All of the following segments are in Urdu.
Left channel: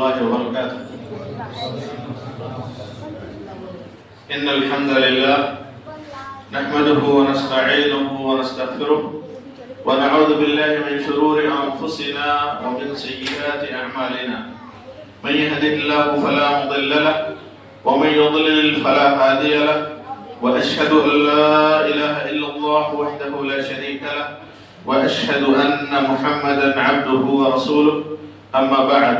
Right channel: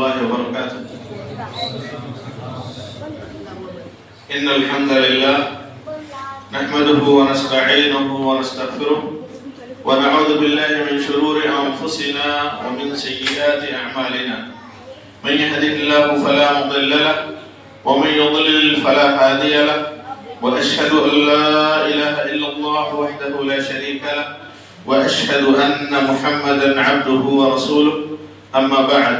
الله وبركاته. إن الحمد لله نحمده ونستعينه ونستغفره ونعوذ بالله من شرور أنفسنا ومن سيئات أعمالنا. من يهده الله فلا مضل له ومن يضلل فلا هادي له، وأشهد أن لا إله إلا الله وحده لا شريك له، وأشهد أن محمدا عبده ورسوله. أما بعد،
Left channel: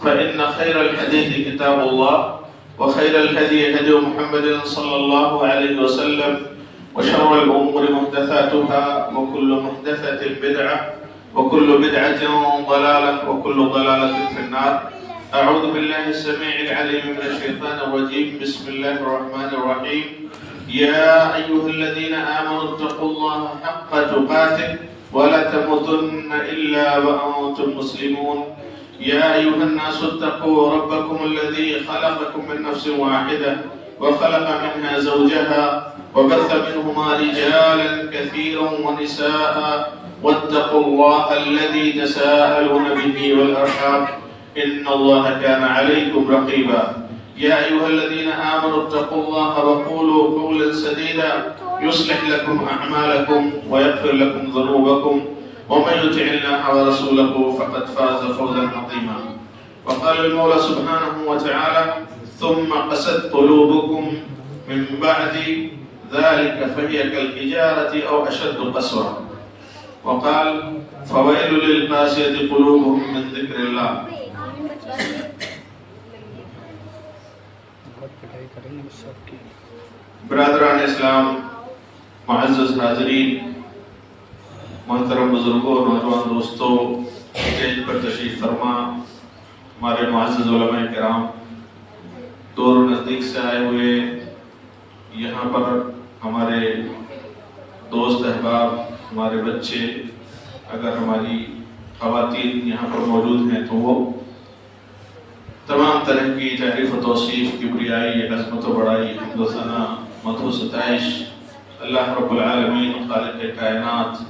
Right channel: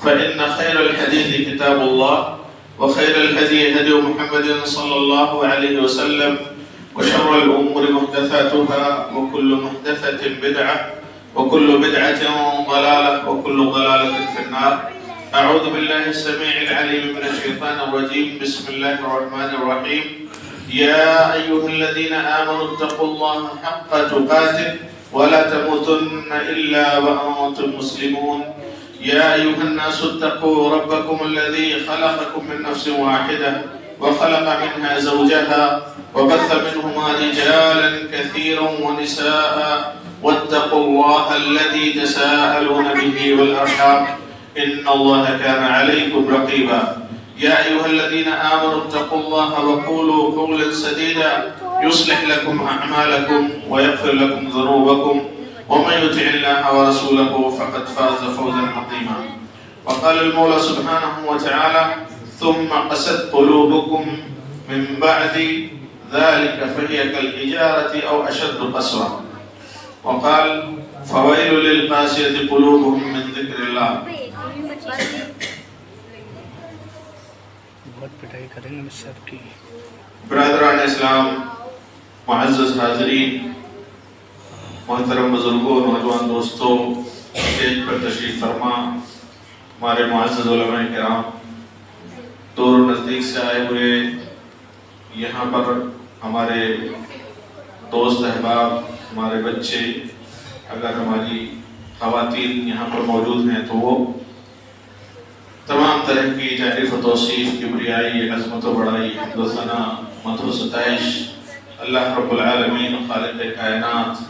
فإن خير الحديث كتاب الله، وخير الهدي هدي محمد صلى الله عليه وسلم، وشر الأمور محدثاتها، وكل محدثة بدعة، وكل بدعة ضلالة، وكل ضلالة في النار. أعوذ بالله السميع العليم من الشيطان الرجيم. بسم الله الرحمن الرحيم. يا أيها الذين آمنوا اتقوا الله حق تقاته ولا تموتن إلا وأنتم مسلمون. يا أيها الناس اتقوا ربكم الذي خلقكم من نفس واحدة وخلق منها زوجها وبث منهما رجالا كثيرا ونساء، واتقوا الله الذي تساءلون به والأرحام إن الله كان عليكم رقيبا. يا أيها الذين آمنوا اتقوا الله وقولوا قولا سديدا يصلح لكم أعمالكم ويغفر لكم ذنوبكم، ومن يطع الله ورسوله فقد فاز فوزا عظيما. وقال المولى سبحانه وتعالى: ثم قست قلوبكم من بعد ذلك فهي كالحجارة أو أشد قسوة. وقال: فويل للقاسية قلوبهم من ذكر الله. برادران اسلام، معزز حاضرین، محترم بزرگوں، نوجوان دوستوں، اسٹیج پر تشریف فرما، ہمارے معزز علماء کرام، دور و نزدیک سے آئے ہوئے یہاں پر ہمارے دوست احباب، ہمارے بچے، اگر ہماری خواتین یہاں پر موجود ہیں تو وہ تمام طرح کی تعریف و توصیف، کبریائی، عظمت و بڑائی، حمد و ثنا، مدح و ستائش اللہ رب العالمین، خالق کائنات،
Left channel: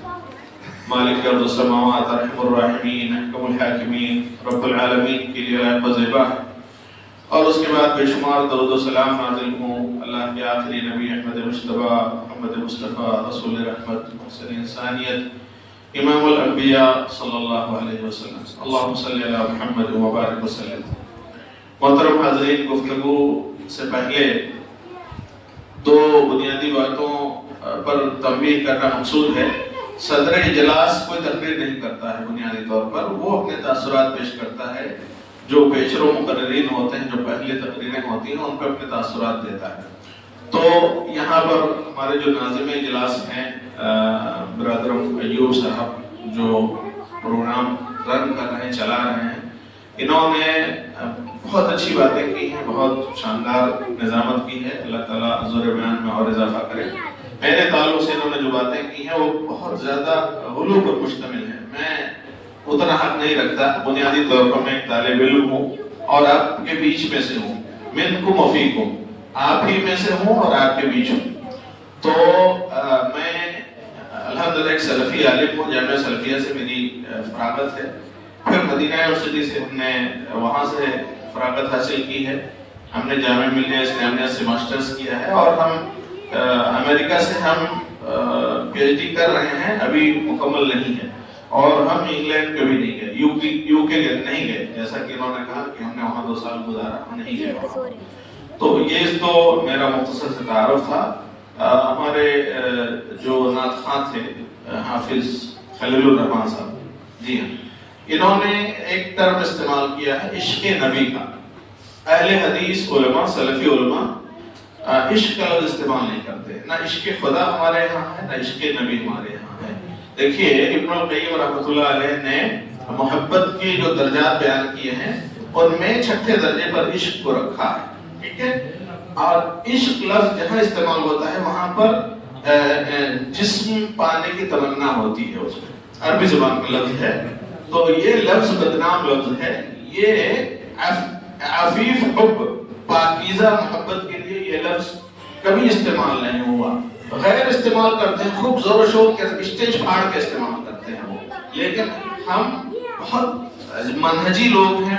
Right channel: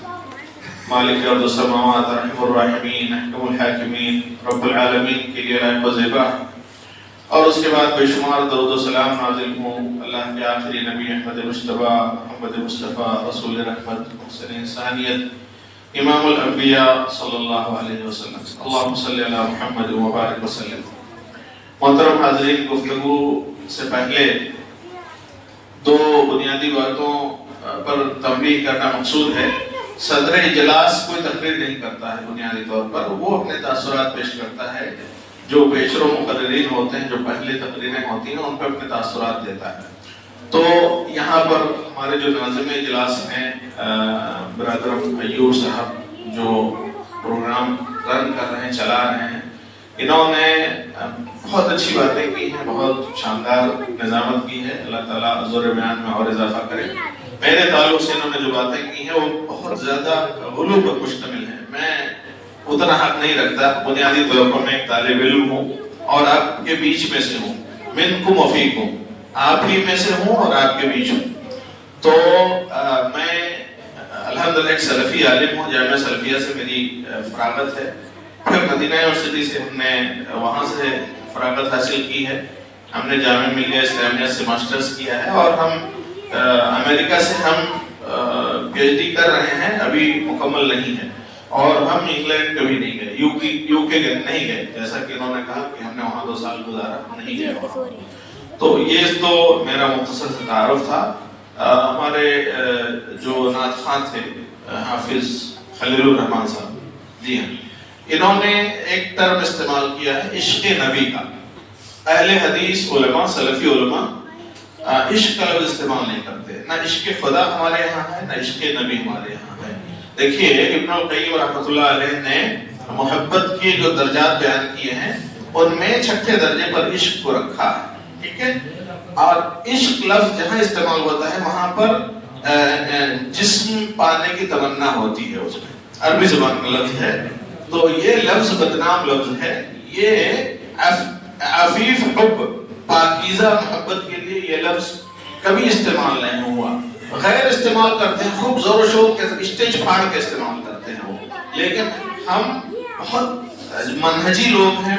مالک ارض و سماوات، رحم الراحمین، احکم الحاکمین، رب العالمین کے لیے لائق و زیبا. اور اس کے بعد بے شمار درود و سلام نازل ہوں اللہ کے آخری نبی احمد مجتبیٰ، محمد مصطفیٰ، رسول رحمت، محسن انسانیت، امام الانبیاء صلی اللہ علیہ وسلم. اللہم صلی علی محمد وبارک وسلم. محترم حاضرین، گفتگو سے پہلے دو بنیادی باتوں پر تنبیہ کرنا مقصود ہے. صدر اجلاس کوئی تقریر نہیں کرتا ہے بنیادی طور پر، وہ اپنے تاثرات پیش کرتا ہے. جو پیشرو مقررین ہوتے ہیں، جو پہلے تقریریں ہوتی ہیں، ان پہ اپنے تاثرات دیتا ہے. تو یہاں پر ہمارے جو ناظم اجلاس ہیں برادر ایوب صاحب، جو پروگرام رن کر رہے ہیں، چلا رہے ہیں، انہوں نے بہت اچھی باتیں کی ہیں، بہت شاندار نظامت کی ہے. اللہ تعالیٰ زور بیان میں اور اضافہ کرے. میرے تعلق سے انہوں نے جو باتیں کی ہیں وہ بہت زیادہ غلو پر مشتمل ہیں. میں اتنا حق نہیں رکھتا. بنیادی طور پر میں ایک طالب علم ہوں اور آپ کے بیچ میں سے ہوں. منکم وفیکم، آپ ہی میں سے ہوں اور آپ کے بیچ ہوں. تو میں الحمدللہ ایک سلفی عالم ہوں. جامعہ سلفیہ سے میری فراغت ہے. پھر مدینہ یونیورسٹی سے ہم نے وہاں سے فراغت حاصل کی ہے. ہم نے جامعہ ملیہ اسلامیہ سے ماسٹرز کیا ہے، اور ہم امریکہ سے ہم پی ایچ ڈی کر رہے ہیں، ابھی مکمل نہیں ہے. اور ہم انگلینڈ کبھی نہیں گئے، یو کے نہیں گئے، جیسا کہ انہوں نے کہا کہ ہم نے وہاں 2 سال گزارا، نہیں گئے. تو یہ تو میرا مختصر سے تعارف تھا. ہمارے جو نعت خواں تھے حافظ خلیل الرحمان صاحب، جی ہاں، انہوں نے ایک ٹرم استعمال کیا ہے عشق نبی کا. اہل حدیث علماء، سلفی علماء عشق کا لفظ استعمال نہیں کرتے. نہ عشق خدا ہمارے یہاں ہے، نہ عشق نبی ہمارے یہاں ہے. دیکھیے ابن القیم رحمۃ اللہ علیہ نے محبت کے جو درجات بیان کیے ہیں، ان میں 6 درجے پر عشق کو رکھا ہے. ٹھیک ہے. اور عشق لفظ جہاں استعمال ہوتا ہے وہاں پر جسم پانے کی تمنا ہوتی ہے. اس میں عربی زبان کا لفظ ہے. تو یہ لفظ بدنام لفظ ہے. یہ عفیف حب، پاکیزہ محبت کے لیے یہ لفظ کبھی استعمال نہیں ہوا. غیر استعمال کرتے ہیں، خوب زور و شور کے اسٹیج پھاڑ کے استعمال کرتے ہیں وہ. لیکن ہم بہت منہجی لوگ ہیں،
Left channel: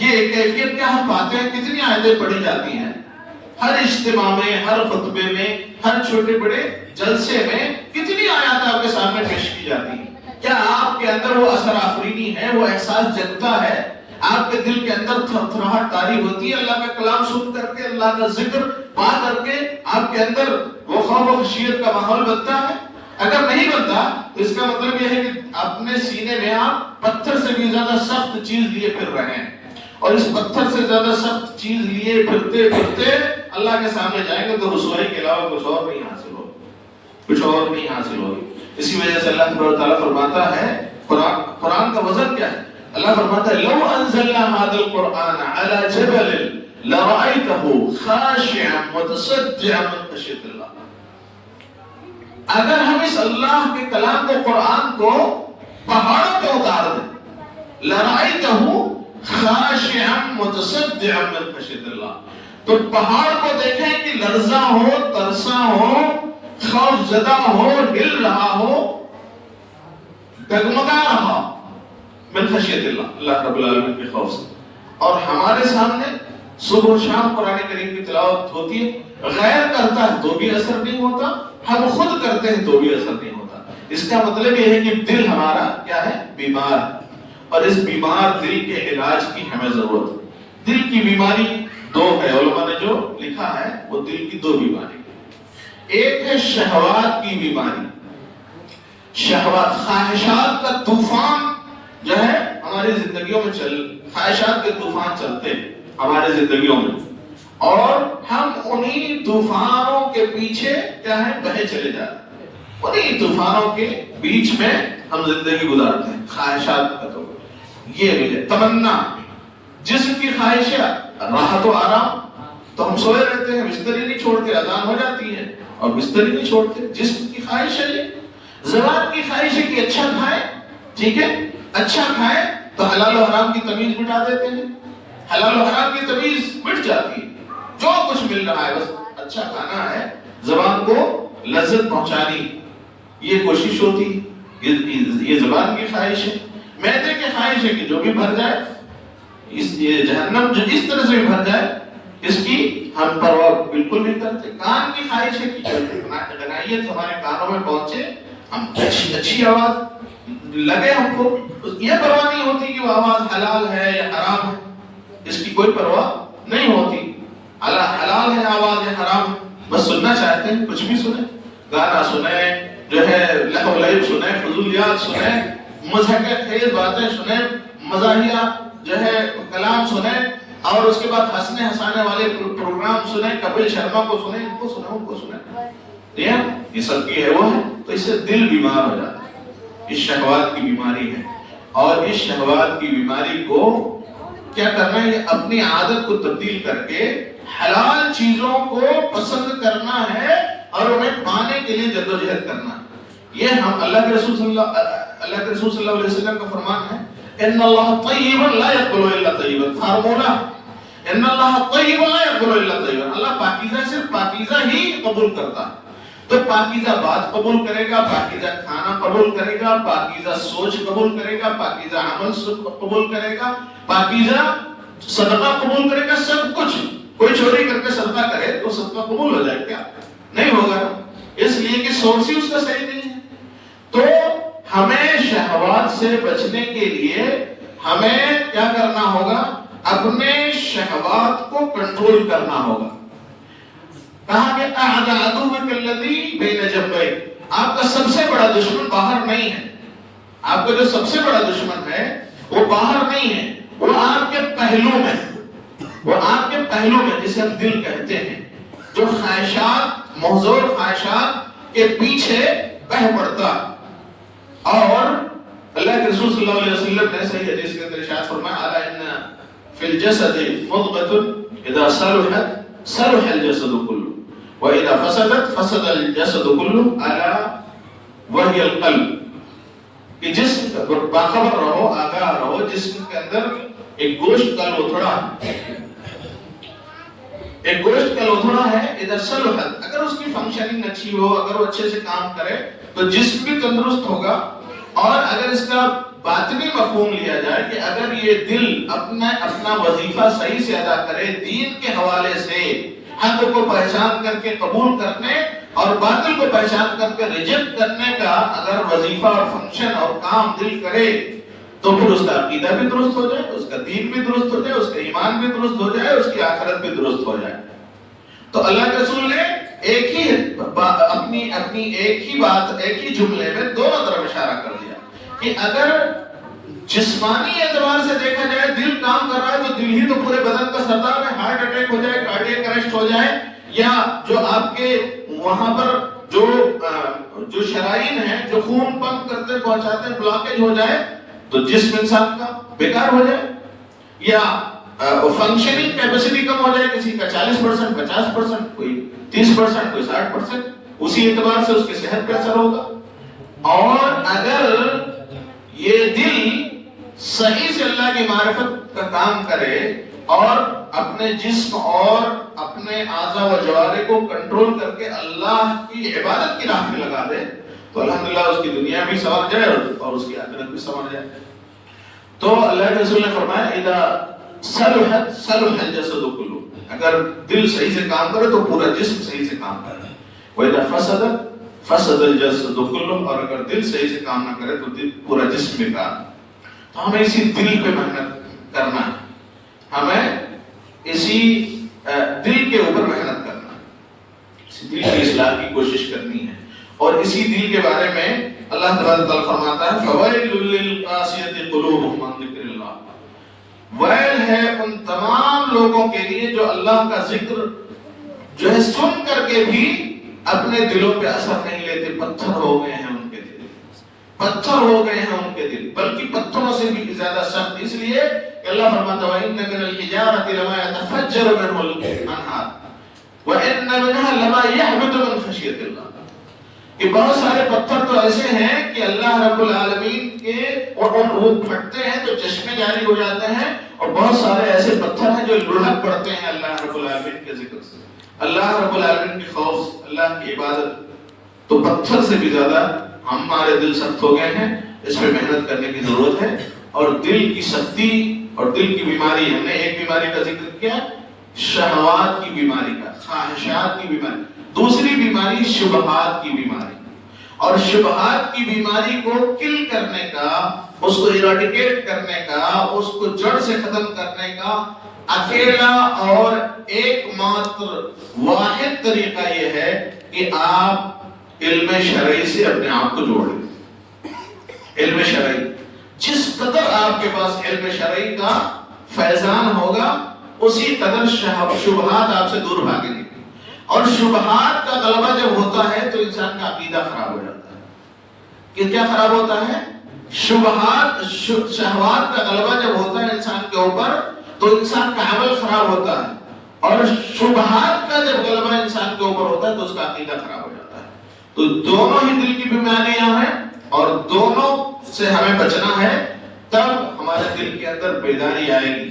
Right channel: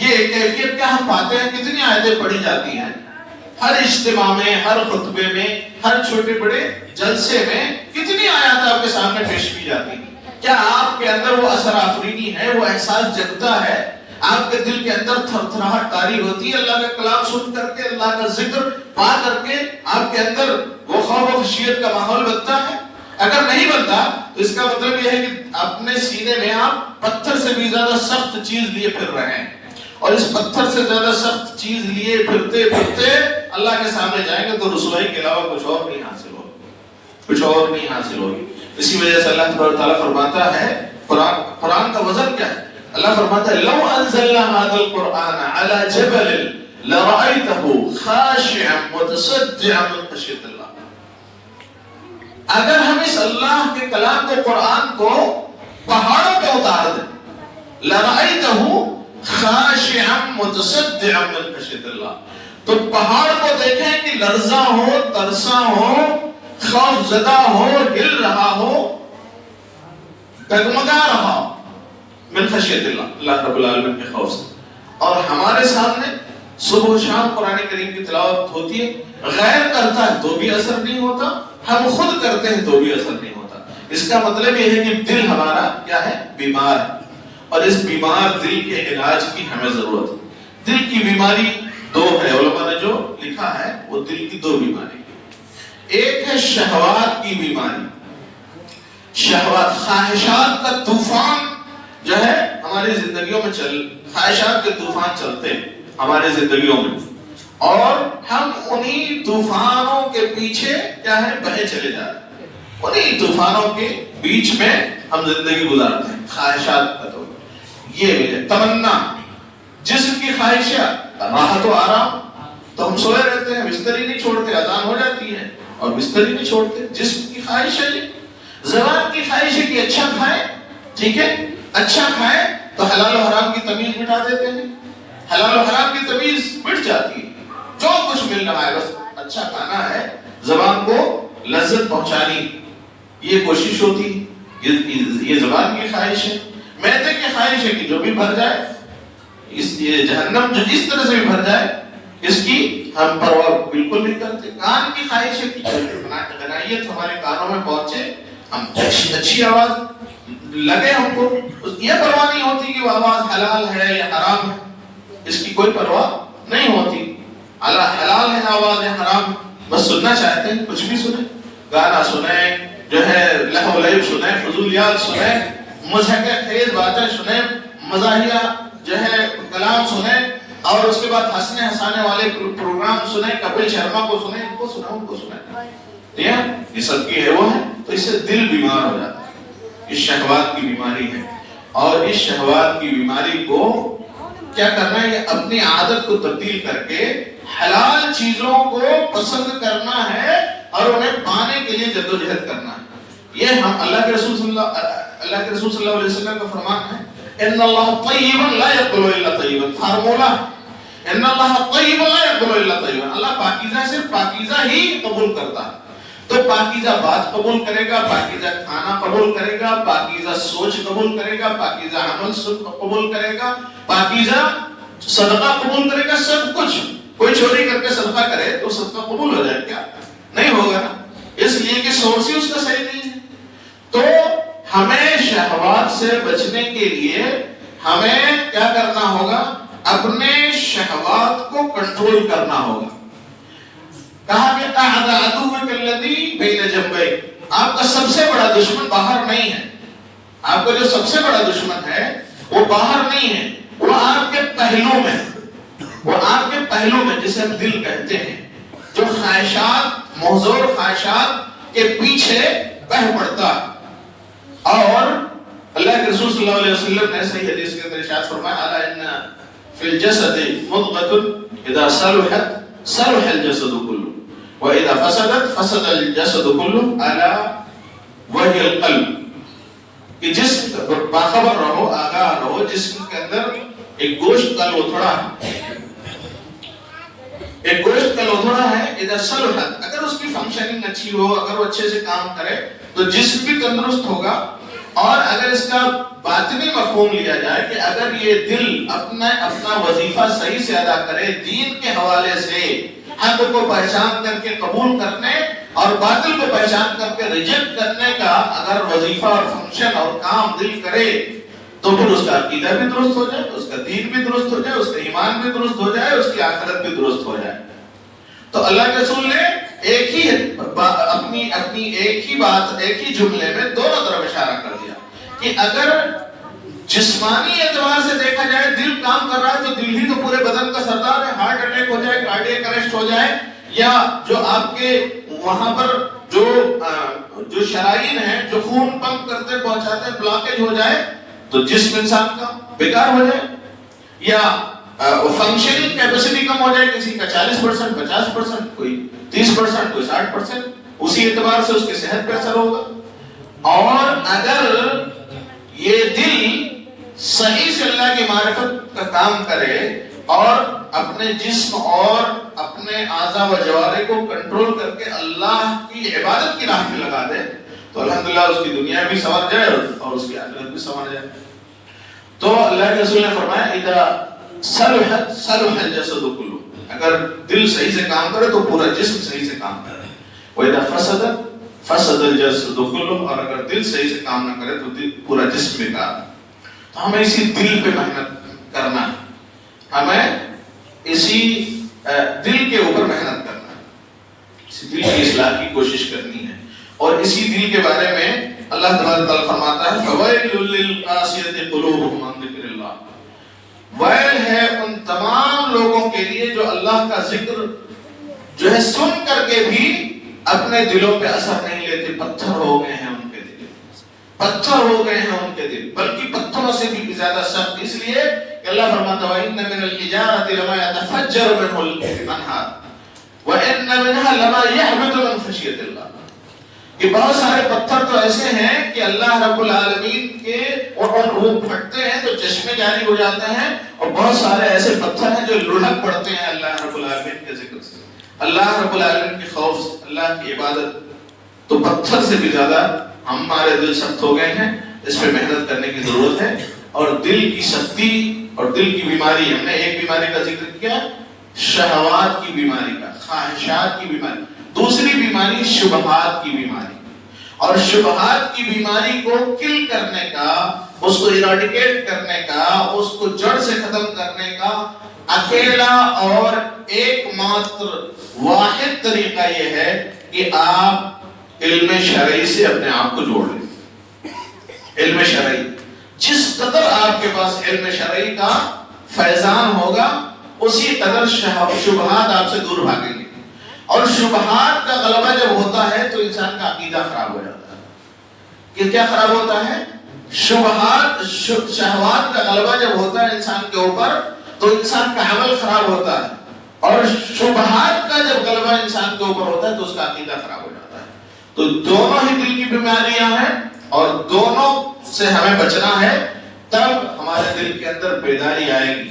یہ کیفیت کیا ہم پاتے ہیں؟ کتنی آیتیں پڑھی جاتی ہیں ہر اجتماع میں، ہر خطبے میں، ہر چھوٹے بڑے جلسے میں کتنی آیات آپ کے سامنے پیش کی جاتی ہیں۔ کیا آپ کے اندر وہ اثر آفرینی ہے، وہ احساس جگتا ہے، آپ کے دل کے اندر تھر تھراہٹ طاری ہوتی ہے اللہ کا کلام سن کر کے، اللہ کا ذکر پا کر کے آپ کے اندر وہ خوف و خشیت کا ماحول بنتا ہے؟ اگر نہیں بنتا تو اس کا مطلب یہ ہے کہ اپنے سینے میں آپ پتھر سے بھی زیادہ سخت چیز لیے پھر رہے ہیں، اور اس پتھر سے زیادہ سخت چیز لیے پھرتے پھرتے اللہ کے سامنے جائیں گے تو رسوائی کے علاوہ کچھ اور نہیں حاصل ہوگا، کچھ اور نہیں حاصل ہوگی۔ اسی وجہ سے اللہ تبارک و تعالیٰ فرماتا ہے، قرآن کا وزن کیا ہے؟ اللہ فرماتا ہے لو انزلنا هذا القرآن على جبل لرأيته خاشعا متصدعا من خشية الله۔ اگر ہم اس اللہ کے کلام کو، قرآن کو پہاڑوں پہ اتار دیں، لرأيته خاشعا متصدعا من خشية الله، تو پہاڑ کو دیکھیں کہ لرزاں ہو، ترساں ہو، خوف زدہ ہو، ہل رہا ہو، ڈگمگا رہا من خشیت اللہ، اللہ رب العالمین کے خوف سے۔ اور ہمارے سامنے صبح و شام قرآن کریم کی تلاوت ہوتی ہے، غیر کرتا ہے تو بھی اثر نہیں ہوتا، ہم خود کرتے ہیں تو بھی اثر نہیں ہوتا۔ اس کا مطلب یہ ہے کہ دل ہمارا کیا ہے؟ بیمار ہے، اور اس بیمار دل کے علاج کی ہمیں ضرورت ہے۔ دل کی بیماری دو ہے، علماء نے جو لکھا ہے وہ دل کی دو بیماری، ایک ہے شہوات کی بیماری، شہوات، خواہشات کا طوفان جو ہے ہماری زندگیوں میں خواہشات کے طوفان چلتے ہیں ہماری زندگیوں میں، اور ہم انہی طوفانوں کے پیچھے کیا ہے؟ بہے چلے جاتے ہیں، انہی طوفانوں کے بیچ میں ہم زندگی گزارتے ہیں۔ خواہشات کا تو یہ بھی ہے، تمنا، جسم کی خواہشات، راحت و آرام، تو ہم سوئے رہتے ہیں، بستر ہی نہیں چھوڑتے، اذان ہو جاتی ہے اور بستر ہی نہیں چھوڑتے، جسم کی خواہش ہے یہ۔ زبان کی خواہش ہے کہ اچھا کھائیں، ٹھیک ہے، اچھا کھائیں تو حلال و حرام کی تمیز مٹا دیتے ہیں، حلال و حرام کی تمیز مٹ جاتی ہے، جو کچھ مل رہا ہے بس اچھا کھانا ہے، زبان کو لذت پہنچانی، یہ کوشش ہوتی ہے، یہ زبان کی خواہش ہے۔ معدے کی خواہش ہے کہ جو بھی بھر جائے، یہ جہنم جو اس طرح سے بھی بھر جائے اس کی ہم پرواہ بالکل نہیں کرتے۔ کان کی خواہش ہے کہ غنائیت ہمارے کانوں میں پہنچے، ہم اچھی آواز لگے ہم کو، یہ پرواہ نہیں ہوتی کہ وہ آواز حلال ہے یا حرام ہے، اس کی کوئی پرواہ نہیں ہوتی، حلال ہے آواز یا حرام، بس سننا چاہتے ہیں، کچھ بھی سنیں، گانا سنیں، جو ہے لہو لعب سنیں، فضولیات سنیں، مضحکہ خیز باتیں سنیں، مزاحیہ جو ہے کلام سنیں، اور اس کے بعد ہنسنے ہنسانے والے پروگرام سنیں، کپل شرما کو سنیں، ان کو سنیں، ان کو سنیں، یہ سب کی ہے وہ ہے، تو اس سے دل بیمار ہو جاتا ہے، اس شہوات کی بیماری ہے۔ اور اس شہوات کی بیماری کو کیا کرنا ہے؟ اپنی عادت کو تبدیل کر کے حلال چیزوں کو پسند کرنا ہے اور انہیں پانے کے لیے جدوجہد کرنا ہے۔ یہ ہم اللہ کے رسول صلی اللہ علیہ وسلم کا فرمان ہے، ان اللہ طیب لا یقبل الا طیبا، فارمولہ، ان اللہ طیب لا یقبل الا طیبا، اللہ پاکیزہ سے پاکیزہ ہی قبول کرتا ہے، تو پاکیزہ بات قبول کرے گا، پاکیزہ کھانا قبول کرے گا، پاکیزہ سوچ قبول کرے گا، پاکیزہ عمل قبول کرے گا، پاکیزہ صدقہ قبول کرے گا، سب کچھ۔ کوئی چوری کر کے صدقہ کرے تو صدقہ قبول ہو جائے کیا؟ نہیں ہوگا، اس لیے کہ سورس ہی اس کا صحیح نہیں ہے۔ تو ہمیں شہوات سے بچنے کے لیے ہمیں کیا کرنا ہوگا؟ اپنے شہوات کو کنٹرول کرنا ہوگا۔ کہا کہ احد عدوک الذی بین جنبیک، آپ کا سب سے بڑا دشمن باہر نہیں ہے، آپ کا جو سب سے بڑا دشمن ہے وہ باہر نہیں ہے، وہ آپ کے پہلو میں، وہ آپ کے پہلو میں، جسے ہم دل کہتے ہیں، جو خواہشات، محضور خواہشات کے پیچھے بہہ پڑتا ہے۔ اور اللہ کے رسول صلی اللہ علیہ وسلم نے صحیح حدیث کے اندر ارشاد فرمایا، الا ان فی الجسد مضغۃ اذا صلحت صلح الجسد كله واذا فسدت فسد الجسد كله الا وهي القلب، کہ جسم باخبر رہو، آگاہ رہو، جسم کے اندر ایک گوشت کا لوتھڑا ہے، ایک گوشت کا لوتھڑا ہے، اذا صلحت، اگر اس کی فنکشننگ اچھی ہو، اگر وہ اچھے سے کام کرے تو جسم بھی تندرست ہوگا، اور اگر اس کا باطنی مفہوم لیا جائے کہ اگر یہ دل اپنا وظیفہ صحیح سے ادا کرے، دین کے حوالے سے حق کو پہچان کر کے قبول کرنے اور باطل کو پہچان کر کے ریجیکٹ کرنے کا اگر وظیفہ اور فنکشن اور کام دل کرے، تو پھر اس کا عقیدہ بھی درست ہو جائے، اس کا دین بھی درست ہو جائے، اس کا ایمان بھی درست ہو جائے، اس کی آخرت بھی درست ہو جائے۔ تو اللہ کے رسول نے ایک ہی اپنی ایک ہی بات، ایک ہی جملے میں دونوں طرف اشارہ کر دیا کہ اگر جسمانی اعتبار سے دیکھا جائے دل کام کر رہا ہے تو دل ہی تو پورے بدن کا سردار ہے، ہارٹ اٹیک ہو جائے، کارڈیک اریسٹ ہو جائے، یا جو آپ کے وہاں پر جو شرائین ہیں جو خون پمپ کرتے پہنچاتے ہیں بلاکیج ہو جائے تو جسم انسان کا بیکار ہو جائے، یا فنکشننگ کیپیسٹی کم ہو جائے، کسی کا 40%، 50%، کوئی 30%، کوئی 60%، اسی اعتبار سے اس کی صحت پہ اثر ہوگا۔ اور اگر یہ دل صحیح سے اللہ کی معرفت کا کام کرے اور اپنے جسم اور اپنے اعضاء و جوارح کو کنٹرول کر کے اللہ کی عبادت کی راہ میں لگا دے تو الحمدللہ اس کی دنیا بھی سنور جائے اور اس کی آخرت بھی سنور جائے۔ تو اللہ کے رسول نے فرمایا اذا صلح الجسد کلہ، اگر دل صحیح سے کام کرے تو پورا جسم صحیح سے کام کرے، وَإِذَا فسد الجسد کلہ، اور اگر دل صحیح سے کام نہ کرے تو دل پورا جسم بیکار۔ تو ہمیں اسی دل پہ محنت کرنا ہے، ہمیں اسی دل کے اوپر محنت کرنا ہے، اسی دل کی اصلاح کی کوشش کرنی ہے، اور اسی دل کے بارے میں اللہ تبارک و تعالیٰ فرماتا ہے فَوَيْلٌ لِّلْقَاسِيَةِ قُلُوبُهُمْ عَن ذِكْرِ اللَّهِ، ویل ہے ان تمام لوگوں کے لیے جو اللہ کا ذکر جو ہے سن کر کے بھی اپنے دلوں پہ اثر نہیں لیتے، پتھر ہو گئے ہیں ان کے دل، پتھر ہو گئے ہیں ان کے دل، بلکہ پتھروں سے بھی زیادہ سخت، اس لیے کہ اللہ فرماتا ہے وَإِنَّ مِنَ الْحِجَارَةِ لَمَا يَتَفَجَّرُ مِنْهُ الْأَنْهَارُ وَإِنَّ مِنْهَا لَمَا يَهْبِطُ مِنْ خَشْيَةِ اللَّهِ، کہ بہت سارے پتھر تو ایسے ہیں کہ اللہ رب العالمین کے وہ پھٹتے ہیں تو چشمے جاری ہو جاتے ہیں، اور بہت سارے ایسے پتھر ہیں جو لڑھک پڑتے ہیں اللہ رب العالمین کے ذکر سے، اللہ رب العالمین کے خوف سے، اللہ کی عبادت۔ تو پتھر سے بھی زیادہ ہمارے دل سخت ہو گئے ہیں، اس پہ محنت کرنے کی ضرورت ہے۔ اور دل کی سختی اور دل کی بیماری، ہم نے ایک بیماری کا ذکر کیا شہوات کی بیماری کا، خواہشات کی بیماری، دوسری بیماری شبہات کی بیماری، اور شبہات کی بیماری کو کل کرنے کا، اس کو ایراڈیکیٹ کرنے کا، اس کو جڑ سے ختم کرنے کا اکیلا اور ایک ماتر واحد طریقہ یہ ہے کہ آپ علم شرعی سے اپنے آپ کو جوڑ لیں۔ علم شرعی، جس قدر آپ کے پاس علم شرعی کا فیضان ہوگا اسی قدر شبہات آپ سے دور بھاگیں گے، اور شبہات کا غلبہ جب ہوتا ہے تو انسان کا عقیدہ خراب ہو جاتا ہے۔ کہ کیا خراب ہوتا ہے؟ شبہات، شہوات کا غلبہ جب ہوتا ہے انسان کے اوپر تو انسان کا عمل خراب ہوتا ہے، اور شبہات کا جب غلبہ انسان کے اوپر ہوتا ہے تو اس کا عقیدہ خراب ہو جاتا ہے۔ تو دونوں ہی دل کی بیماریاں ہیں اور دونوں سے ہمیں بچنا ہے، تب ہمارے دل کے اندر بیداری آئے گی،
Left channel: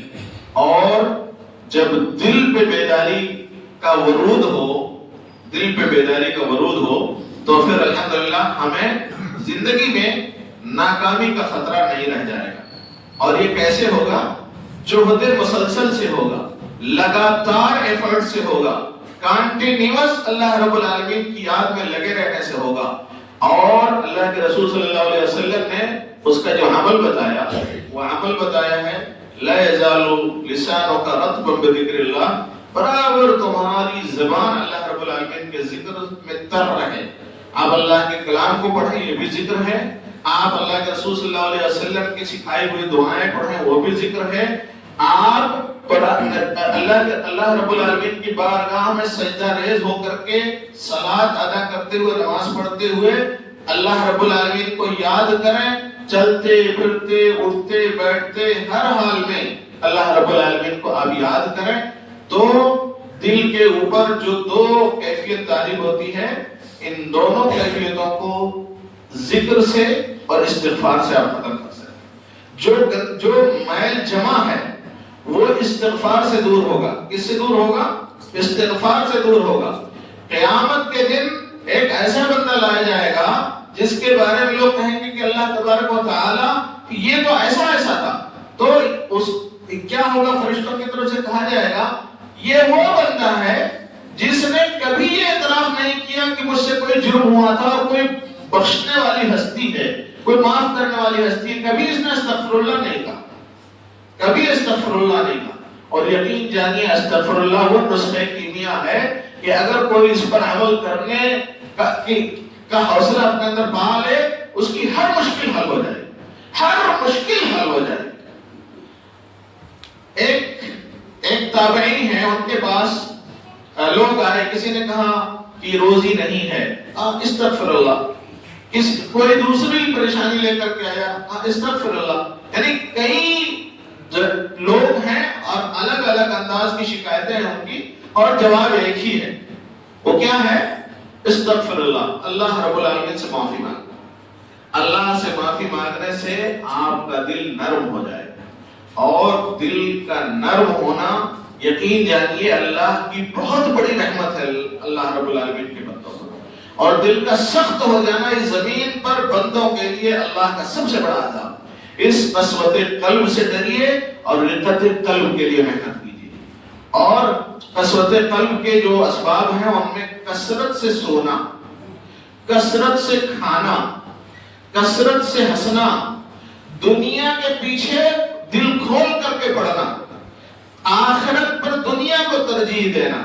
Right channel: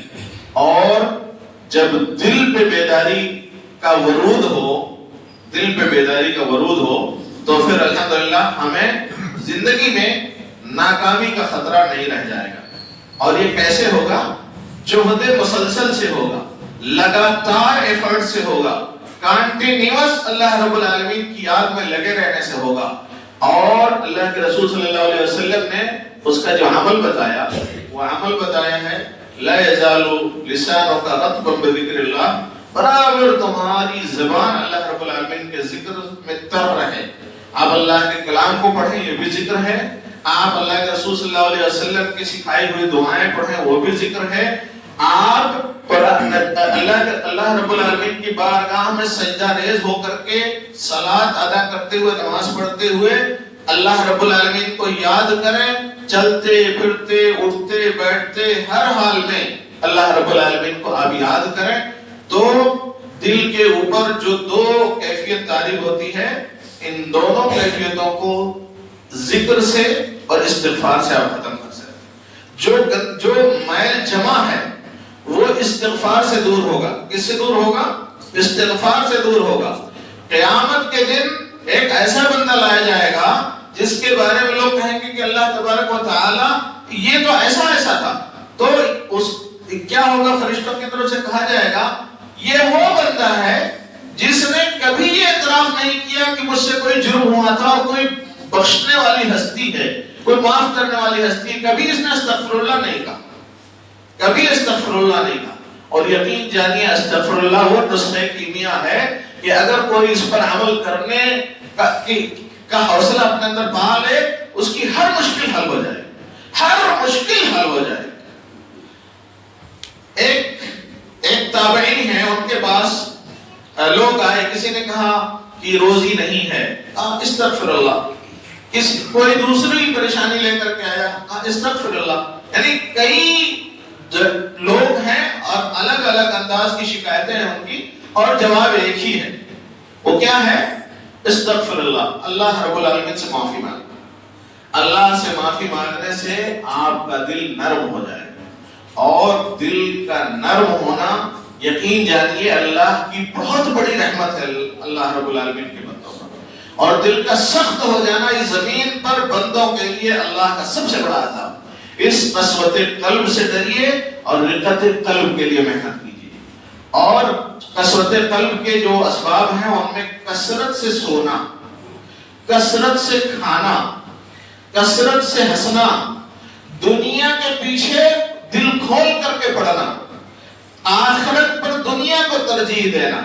اور جب دل پہ بیداری کا ورود ہو، دل پہ بیداری کا ورود ہو تو پھر الحمدللہ ہمیں زندگی میں ناکامی کا خطرہ نہیں رہ جائے گا۔ اور یہ کیسے ہوگا؟ جہد مسلسل سے ہوگا، لگاتار ایفرٹ سے ہوگا، کانٹینیوس اللہ رب العالمین کی یاد میں لگے رہنے سے ہوگا۔ اور اللہ کے رسول صلی اللہ علیہ وسلم نے اس کا جو عمل بتایا، وہ عمل بتایا ہے لا یزال لسانک رطبا بذکر اللہ، برابر تمہاری زبان اللہ رب العالمین کے ذکر میں تر رہے۔ آپ اللہ کے کلام کو پڑھیں، یہ بھی ذکر ہے، آپ اللہ کے رسول صلی اللہ علیہ وسلم کی سکھائی ہوئی دعائیں پڑھیں، وہ بھی ذکر ہے۔ آپ اللہ رب العالمین کی بارگاہ میں سجدہ ریز ہو کر کے صلاۃ ادا کرتے ہوئے، نماز پڑھتے ہوئے اللہ رب العالمین کو یاد کریں، چلتے پھرتے اٹھتے بیٹھتے ہر حال میں اللہ رب العالمین کو آپ یاد کریں، تو دل کے اوپر جو دو کیفیت طاری ہوتی ہے، ان دونوں کیفیتوں کو ذکر سے اور استغفار سے آپ ختم کر سکتے۔ جو میل جمع ہے وہ استغفار سے دور ہوگا۔ کس سے دور ہوگا؟ استغفار سے دور ہوگا۔ قیامت کے دن ایک ایسا بندہ لایا جائے گا جس کے بارے میں لوگ کہیں گے کہ اللہ تبارک و تعالی یہ تو ایسا ایسا تھا، تو اس کیا ہوگا؟ فرشتوں کی طرف سے کہا جائے گا یہ وہ بندہ ہے جس نے کبھی یہ اعتراف نہیں کیا کہ مجھ سے کوئی جرم ہوا تھا اور کوئی بخشنے والی ہستی ہے، کوئی معاف کرنے والی ہستی ہے، کبھی اس نے استغفر اللہ نہیں کہا، کبھی استغفر اللہ نہیں کہا۔ اور یقین جانیے استغفر اللہ وہ نسخہ کیمیا ہے کہ اگر کوئی اس پر عمل کرنے کا حوصلہ اپنے اندر پا لے، اس کی ہر مشکل حل ہو جائے، ہر مشکل حل ہو جائے۔ ایک تابعین ہیں، ان کے پاس لوگ آئے، کسی نے کہا کہ روزی نہیں ہے، استغفر اللہ، کوئی دوسری پریشانی لے کر کے آیا، استغفر اللہ۔ یعنی کئی لوگ ہیں اور الگ الگ انداز کی شکایتیں ہیں ان کی، اور جواب ایک ہی ہے، وہ کیا ہے؟ استغفر اللہ، اللہ رب العالمین سے معافی مانگ۔ اللہ سے معافی مانگنے سے آپ کا دل نرم ہو جائے گا، اور دل کا نرم ہونا یقین جانیے اللہ کی بہت بڑی رحمت ہے اللہ رب العالمین کے بندوں پر، اور دل کا سخت ہو جانا اس زمین پر بندوں کے لیے اللہ کا سب سے بڑا عذاب۔ اس قسوت قلب سے ڈریے اور رقت قلب کے لیے محنت کیجیے۔ اور قسوت قلب کے جو اسباب ہیں ان میں کثرت سے سونا، کثرت سے کھانا، کثرت سے ہنسنا، دنیا کے پیچھے دل کھول کر کے پڑھنا، آخرت پر دنیا کو ترجیح دینا،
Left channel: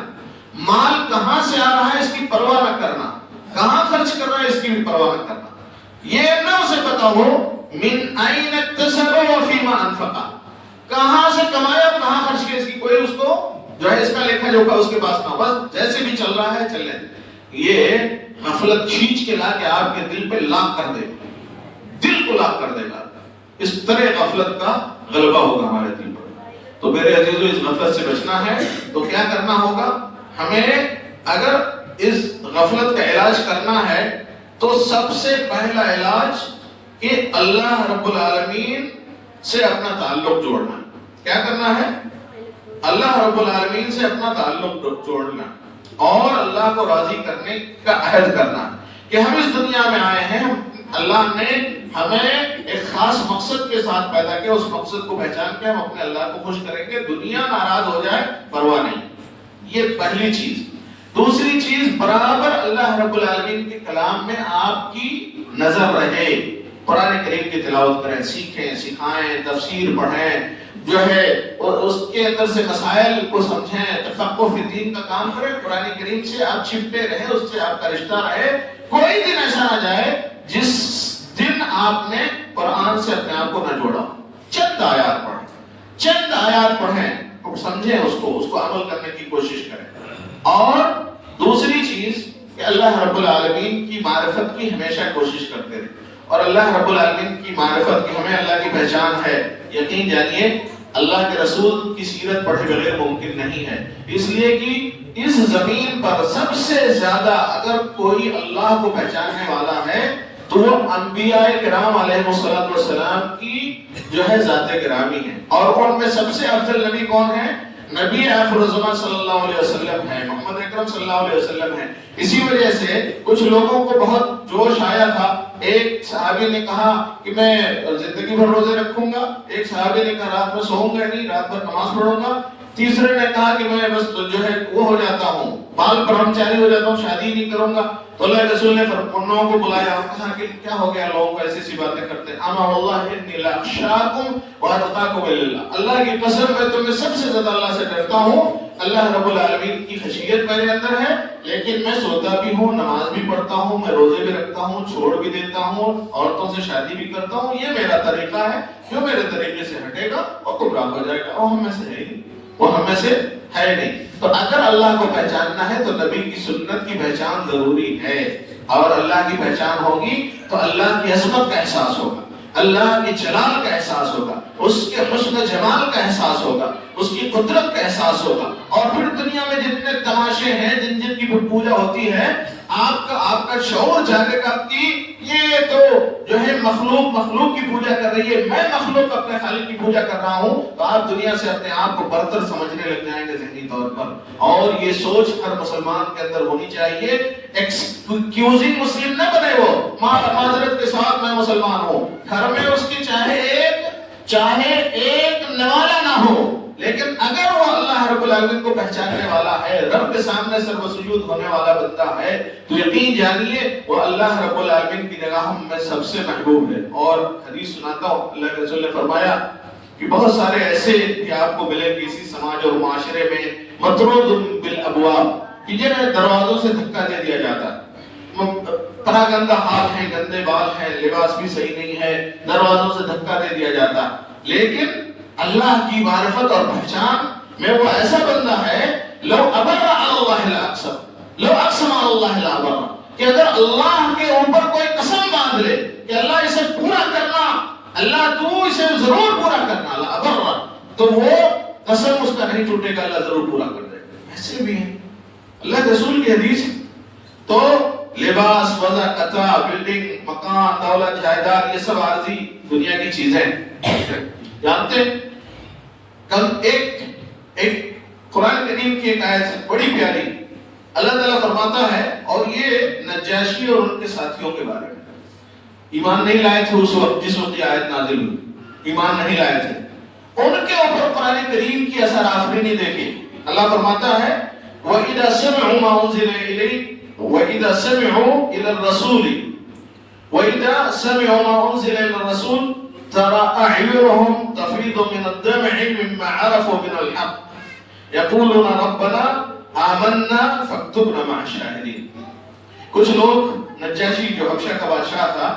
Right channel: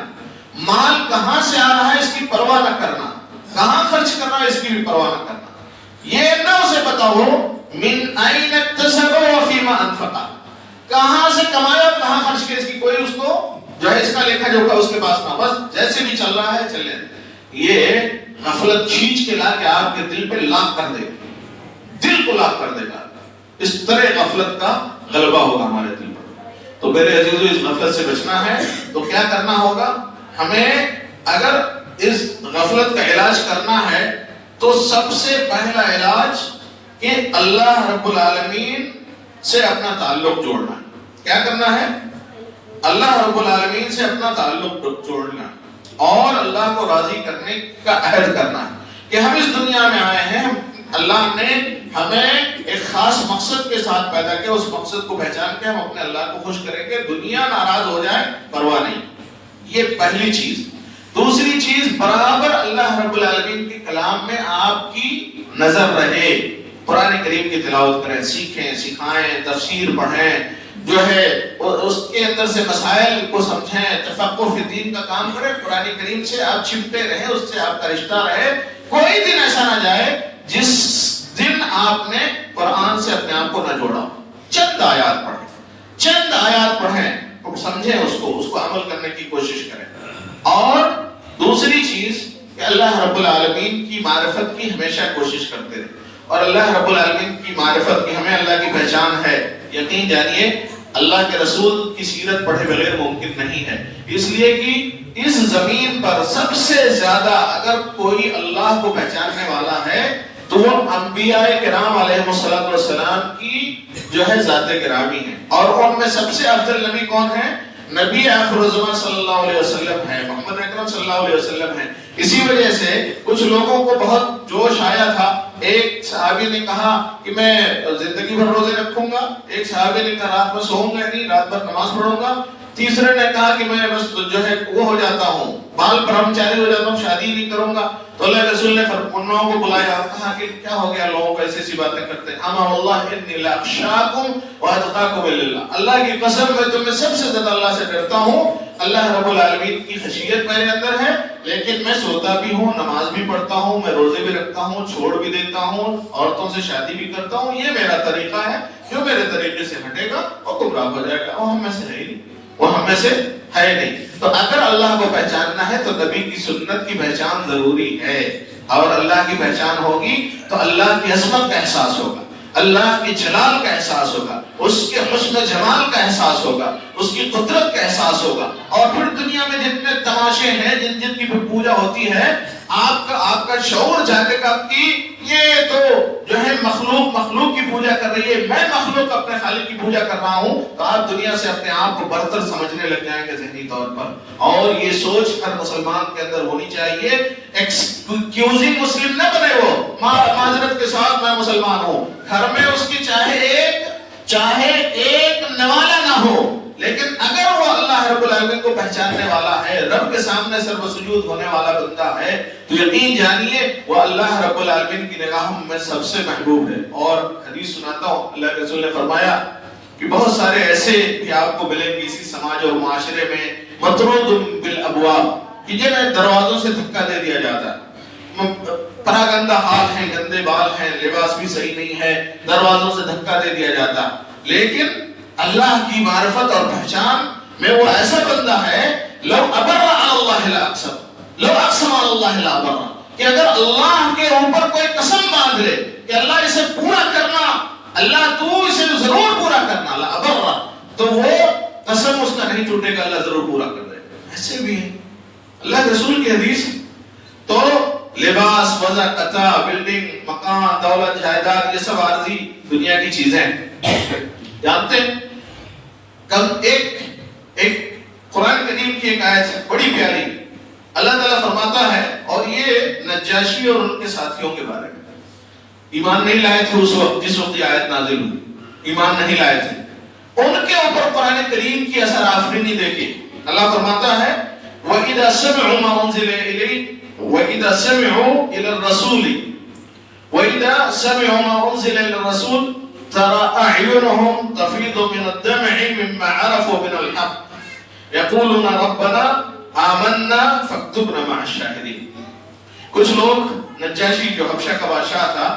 مال کہاں سے آ رہا ہے اس کی پرواہ نہ کرنا، کہاں خرچ کر رہا ہے اس کی بھی پرواہ نہ کرنا، یہ نہ اسے پتا ہو من این اکتسب و فیما انفقا، کہاں سے کمایا کہاں خرچ کیا، اس کی کوئی اس کو جو ہے اس کا لیکھا جوکھا اس کے پاس نہ، بس جیسے بھی چل رہا ہے چلے۔ یہ غفلت کھینچ کے لا کے آپ کے دل پہ لاک کر دے گا، دل کو لاک کر دے گا، اس طرح غفلت کا غلبہ ہوگا ہمارے دل پر۔ تو میرے عزیزو اس غفلت سے بچنا ہے تو کیا کرنا ہوگا ہمیں؟ اگر اس غفلت کا علاج کرنا ہے تو سب سے پہلا علاج کہ اللہ رب العالمین سے اپنا تعلق جوڑنا۔ کیا کرنا ہے؟ اللہ رب العالمین سے اپنا تعلق جوڑنا اور اللہ کو راضی کرنے کا عہد کرنا ہے کہ ہم اس دنیا میں آئے ہیں، اللہ نے ہمیں ایک خاص مقصد کے ساتھ پیدا کیا، اس مقصد کو پہچان کے ہم اپنے اللہ کو خوش کریں گے، دنیا ناراض ہو جائے پرواہ نہیں۔ یہ پہلی چیز۔ دوسری چیز، برابر اللہ رب العالمین کے کلام میں آپ کی نظر رہے، قرآن کریم کی تلاوت کریں، سیکھیں، سکھائیں، تفسیر پڑھیں، جو ہے اس کے اندر سے مسائل کو سمجھیں، تفقہ فی دین کا کام کریں، قرآن کریم سے آپ چپٹے رہیں، اس سے آپ کا رشتہ رہے۔ کوئی دن ایسا نہ جائے جس دن آپ نے قرآن سے اپنے آپ کو نہ جوڑا۔ چند آیات پڑھیں، چند آیات پڑھیں، سمجھیں اس کو عمل کرنے کی کوشش کریں۔ اور دوسری چیز کہ اللہ رب العالمین کی معرفت کی ہمیشہ کوشش کرتے رہیں، اور اللہ رب العالمین کی معرفت کی ہمیں اللہ کی پہچان ہے، یقین جانیے اللہ کے رسول کی سیرت پڑھے بغیر ممکن نہیں ہے، اس لیے کہ اس زمین پر سب سے زیادہ اگر کوئی اللہ کو پہچاننے والا ہے تو وہ انبیاء کرام علیہ السلام کی جو ہے ذات گرامی ہے، اور ان میں سب سے افضل نبی کون ہے؟ نبی آخر الزمان صلی اللہ علیہ وسلم ہے، محمد اکرم صلی اللہ علیہ وسلم ہے۔ اسی وجہ سے کچھ لوگوں کو بہت جوش آیا تھا، ایک صحابی نے کہا کہ میں زندگی بھر روزے رکھوں گا، ایک صحابی نے کہا رات میں سوؤں گا نہیں، رات بھر نماز پڑھوں گا، تیسرے نے کہا کہ میں بس جو ہے وہ ہو جاتا ہوں، بال برہمچاری ہو جاتا ہوں، شادی نہیں کروں گا۔ تو اللہ کے رسول نے ان لوگوں کو بلایا اور کہا کہ کیا ہو گیا لوگوں کو ایسی سی باتیں کرتے ہیں؟ امر اللہ انی لاخشاکم واتقاکم الا، اللہ کی قسم میں تم میں سب سے زیادہ اللہ سے ڈرتا ہوں، اللہ رب العالمین کی خشیت میرے اندر ہے، لیکن میں سوتا بھی ہوں، نماز بھی پڑھتا ہوں، میں روزے بھی رکھتا ہوں، چھوڑ بھی دیتا ہوں، عورتوں سے شادی بھی کرتا ہوں، یہ میرا طریقہ ہے، جو میرے طریقے سے ہٹے گا وہ گمراہ ہو جائے گا، وہ ہم میں سے ہے نہیں، وہ ہم میں سے ہے نہیں۔ تو اگر اللہ کو پہچاننا ہے تو نبی کی سنت کی پہچان ضروری ہے، اور اللہ کی پہچان ہوگی تو اللہ کی عظمت کا احساس ہوگا، اللہ کی جلال کا احساس ہوگا، اس کے حسن جمال کا احساس ہوگا، اس کی قدرت کا احساس ہوگا، اور پھر دنیا میں جتنے تماشے ہیں، جن کی پوجا ہوتی ہے، آپ کا شعور جاگے گا کہ یہ تو جو ہے مخلوق کی پوجا کر رہی ہے، میں مخلوق اپنے خالق کی پوجا کر رہا ہوں، تو آپ دنیا سے اپنے آپ کو برتر سمجھنے لگ جائیں گے ذہنی طور پر. اور یہ سوچ ہر مسلمان کے اندر ہونی چاہیے. ایکسکیوزنگ مسلم نہ بنے، وہ معذرت کے ساتھ میں مسلمان ہوں، گھر میں اس کی چاہے ایک نوالا نہ ہو، لیکن اگر وہ اللہ رب العالمین کو پہچاننے والا ہے، رب کے سامنے سر بسجود ہونے والا بندہ ہے، تو یقین جانیے وہ اللہ رب العالمین کی نگاہوں میں سب سے محبوب ہے. اور حدیث سناتا ہوں، اللہ کے رسول نے فرمایا کہ بہت سارے ایسے کہ آپ کو ملیں گے اسی سماج اور معاشرے میں، مطرود بالابواب، کہ جنہیں دروازوں سے دھکا دے دیا جاتا ہے، پراگندہ حال ہیں، گندے بال ہیں، لباس بھی صحیح نہیں ہے، دروازوں سے دھکا دے دیا جاتا، لیکن اللہ کی معرفت اور پہچان میں وہ ایسا بندہ ہے، لو ابر اللہ لا اقسم، لو اقسم اللہ لا ابر، کہ اگر اللہ کے اوپر کوئی قسم باندھ لے کہ اللہ اسے پورا کرنا، اللہ تو اسے ضرور پورا کرنا، لا ابر، تو وہ قسم اس کا نہیں ٹوٹے گا، اللہ ضرور پورا کر دے گا. ایسے بھی ہیں اللہ کے رسول کی حدیث. تو لباس، وضع، قطع، بلڈنگ، مکان، دولت، جائیداد، یہ سب عارضی دنیا کی چیزیں جانتے ہیں. کم ایک قرآن کریم کی ایک آیت ہے بڑی پیاری، اللہ تعالیٰ فرماتا ہے، اور یہ نجاشی اور ان کے ساتھیوں کے بارے میں. ایمان نہیں لائے تھے اس وقت جس وقت یہ آیت نازل ہوئی، ایمان نہیں لائے تھے، ان کے اوپر قرآن کریم کی اثر آفرینی دیکھیں. اللہ فرماتا ہے وَإِذَا سَمِعُوا مَا أُنزِلَ إِلَيْهِ وَإِذَا سَمِعُوا إِلَى الرَّسُولِ وَإِذَا سَمِعُوا مَا أُنزِلَ إِلَى الرَّسُولِ تَرَى أَعْيُنَهُمْ تَفِيضُ مِنَ الدَّمْعِ مِمَّا عَرَفُوا مِنَ الْحَقِّ يَقُولُونَ رَبَّنَا آمَنَّا فَاكْتُبْنَا مَعَ الشَّاهِدِينَ. کچھ لوگ، نجاشی جو حبشہ کا بادشاہ تھا،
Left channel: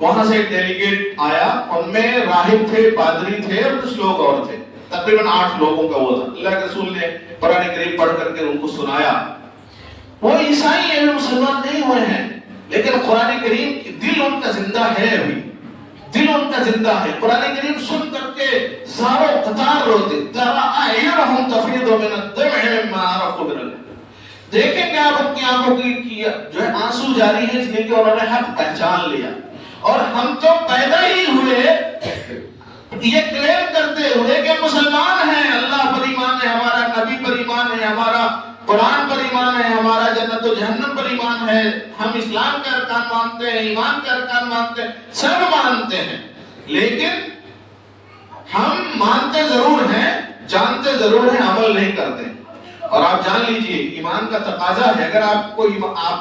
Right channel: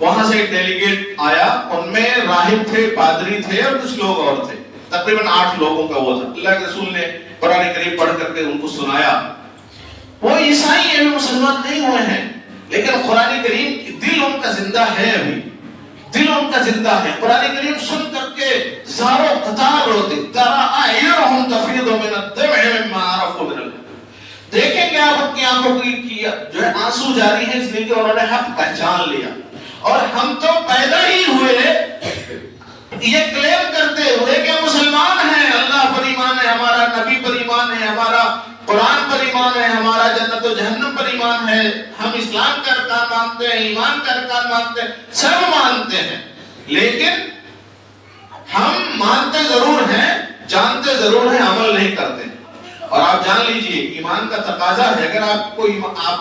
وہاں سے ایک ڈیلیگیٹ آیا، ان میں راہب تھے، پادری تھے اور کچھ لوگ اور تھے، تقریباً 8 لوگوں کا وہ تھا. اللہ کے رسول نے قرآن کریم پڑھ کر کے ان کو سنایا. وہ عیسائی ہیں، مسلمان نہیں ہوئے ہیں، لیکن قرآن کریم دل ان کا زندہ ہے، ابھی دل ان کا زندہ ہے. قرآن کریم سن کر کے زاروں قطار روتے، ترى أعينهم تفيض من الدمع مما عرفوا من الحق. دیکھیں گے آپ اپنی آنکھوں کی جو ہے آنسو جاری ہے، اس لیے کہ انہوں نے حق پہچان لیا. اور ہم تو پیدا ہی ہوئے یہ کلیم کرتے ہوئے کہ مسلمان ہیں، اللہ پر ایمان ہے ہمارا، نبی پر ایمان ہے ہمارا، قرآن پر ایمان ہے ہمارا، جنت و جہنم پر ایمان ہے، ہم اسلام کا ارکان مانتے ہیں، ایمان کا ارکان مانتے ہیں، سب مانتے ہیں، لیکن ہم مانتے ضرور ہیں، جانتے ضرور ہیں، عمل نہیں کرتے. اور آپ جان لیجئے ایمان کا تقاضا ہے، اگر آپ کا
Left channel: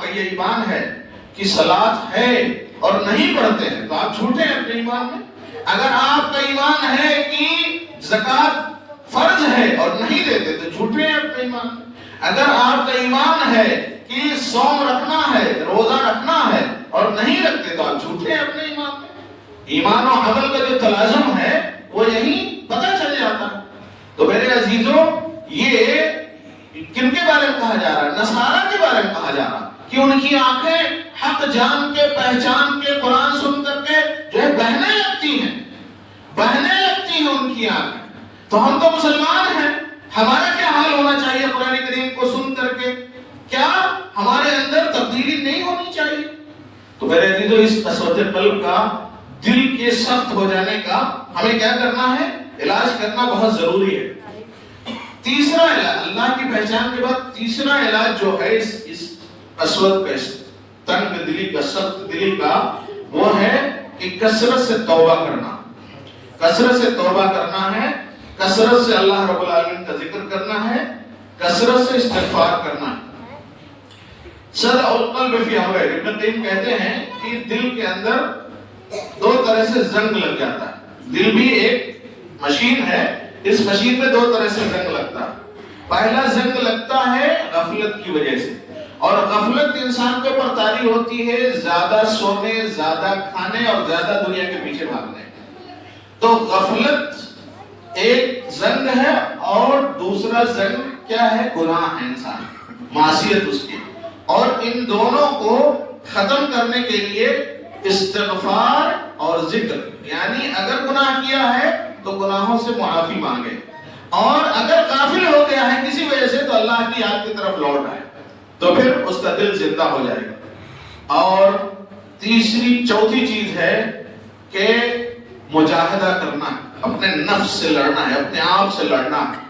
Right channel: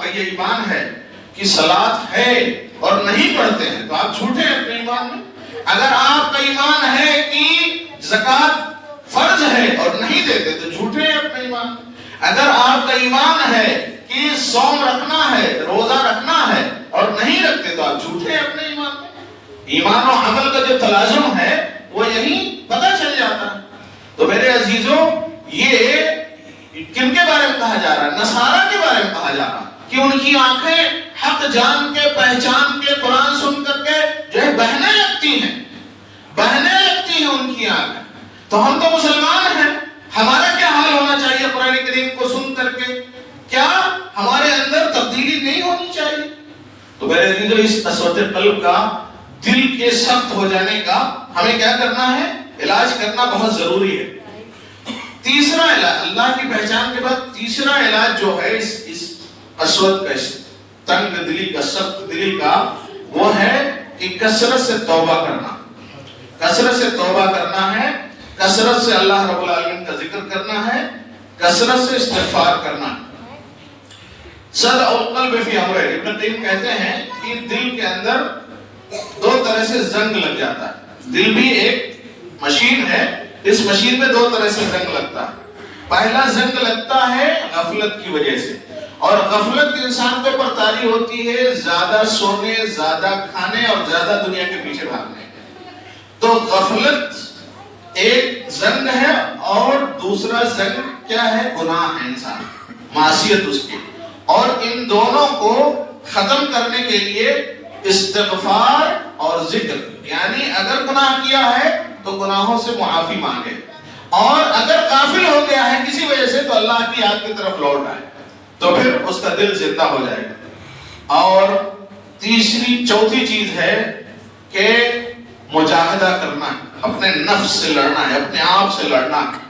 یہ ایمان ہے کہ صلاۃ ہے اور نہیں پڑھتے ہیں تو آپ جھوٹے ہیں اپنے ایمان میں. اگر آپ کا ایمان ہے کہ زکوٰۃ فرض ہے اور نہیں دیتے تو جھوٹے ہیں اپنے ایمان میں. اگر آپ کا ایمان ہے کہ صوم رکھنا ہے، روزہ رکھنا ہے اور نہیں رکھتے تو آپ جھوٹے ہیں اپنے ایمان میں. ایمان و عمل کا جو تلازم ہے وہ یہیں پتہ چل جاتا ہے. تو میرے عزیزوں، یہ کن کے بارے میں کہا جا رہا ہے؟ نصارہ کے بارے میں کہا جا رہا ہے کہ ان کی آنکھیں حق جان کے، پہچان کے، قرآن سن کر کے جو ہے بہنے لگتی ہیں ان کی آنکھیں. تو ہم تو مسلمان ہیں، ہمارا کیا حال ہونا چاہیے قرآن کریم کو سن کر کے؟ کیا ہمارے اندر تبدیلی نہیں ہونی چاہیے؟ تو میرے عزیزو، اس قسوت قلب کا، دل کے سخت ہو جانے کا ہمیں کیا کرنا ہے؟ علاج کرنا بہت ضروری ہے. تیسرا علاج، اللہ کی پہچان کے بعد تیسرا علاج جو ہے اس قسوت کا، اس تنگ دلی کا، سخت دلی کا، وہ ہے کہ کثرت سے توبہ کرنا. کثرت سے توبہ کرنا ہے، کثرت سے اللہ رب العالمین کا ذکر کرنا ہے، کثرت سے استغفار کرنا ہے. صدع القلب فی امرین، ابن قیم کہتے ہیں کہ دل کے اندر 2 طرح سے زنگ لگ جاتا ہے. دل بھی ایک مشین ہے، اس مشین میں 2 طرح سے زنگ لگتا ہے. پہلا زنگ لگتا ہے غفلت کی وجہ سے، اور غفلت انسان کے اوپر طاری ہوتی ہے زیادہ سونے، زیادہ کھانے اور زیادہ دنیا کے پیچھے بھاگنے. تو غفلت ایک زنگ ہے، اور دوسرا زنگ کیا ہے؟ گناہ ہے، انسان معصیت اس کی. اور ان دونوں کو ختم کرنے کے لیے استغفار اور ذکر، یعنی اگر گناہ کیا ہے تو گناہوں سے معافی مانگے، اور اگر غافل ہو گیا ہے کسی وجہ سے تو اللہ کی یاد کی طرف لوٹ آئے. تو پھر اس کا دل زندہ ہو جائے گا۔ اور چوتھی چیز ہے کہ مجاہدہ کرنا، اپنے نفس سے لڑنا ہے، اپنے آپ سے لڑنا ہے۔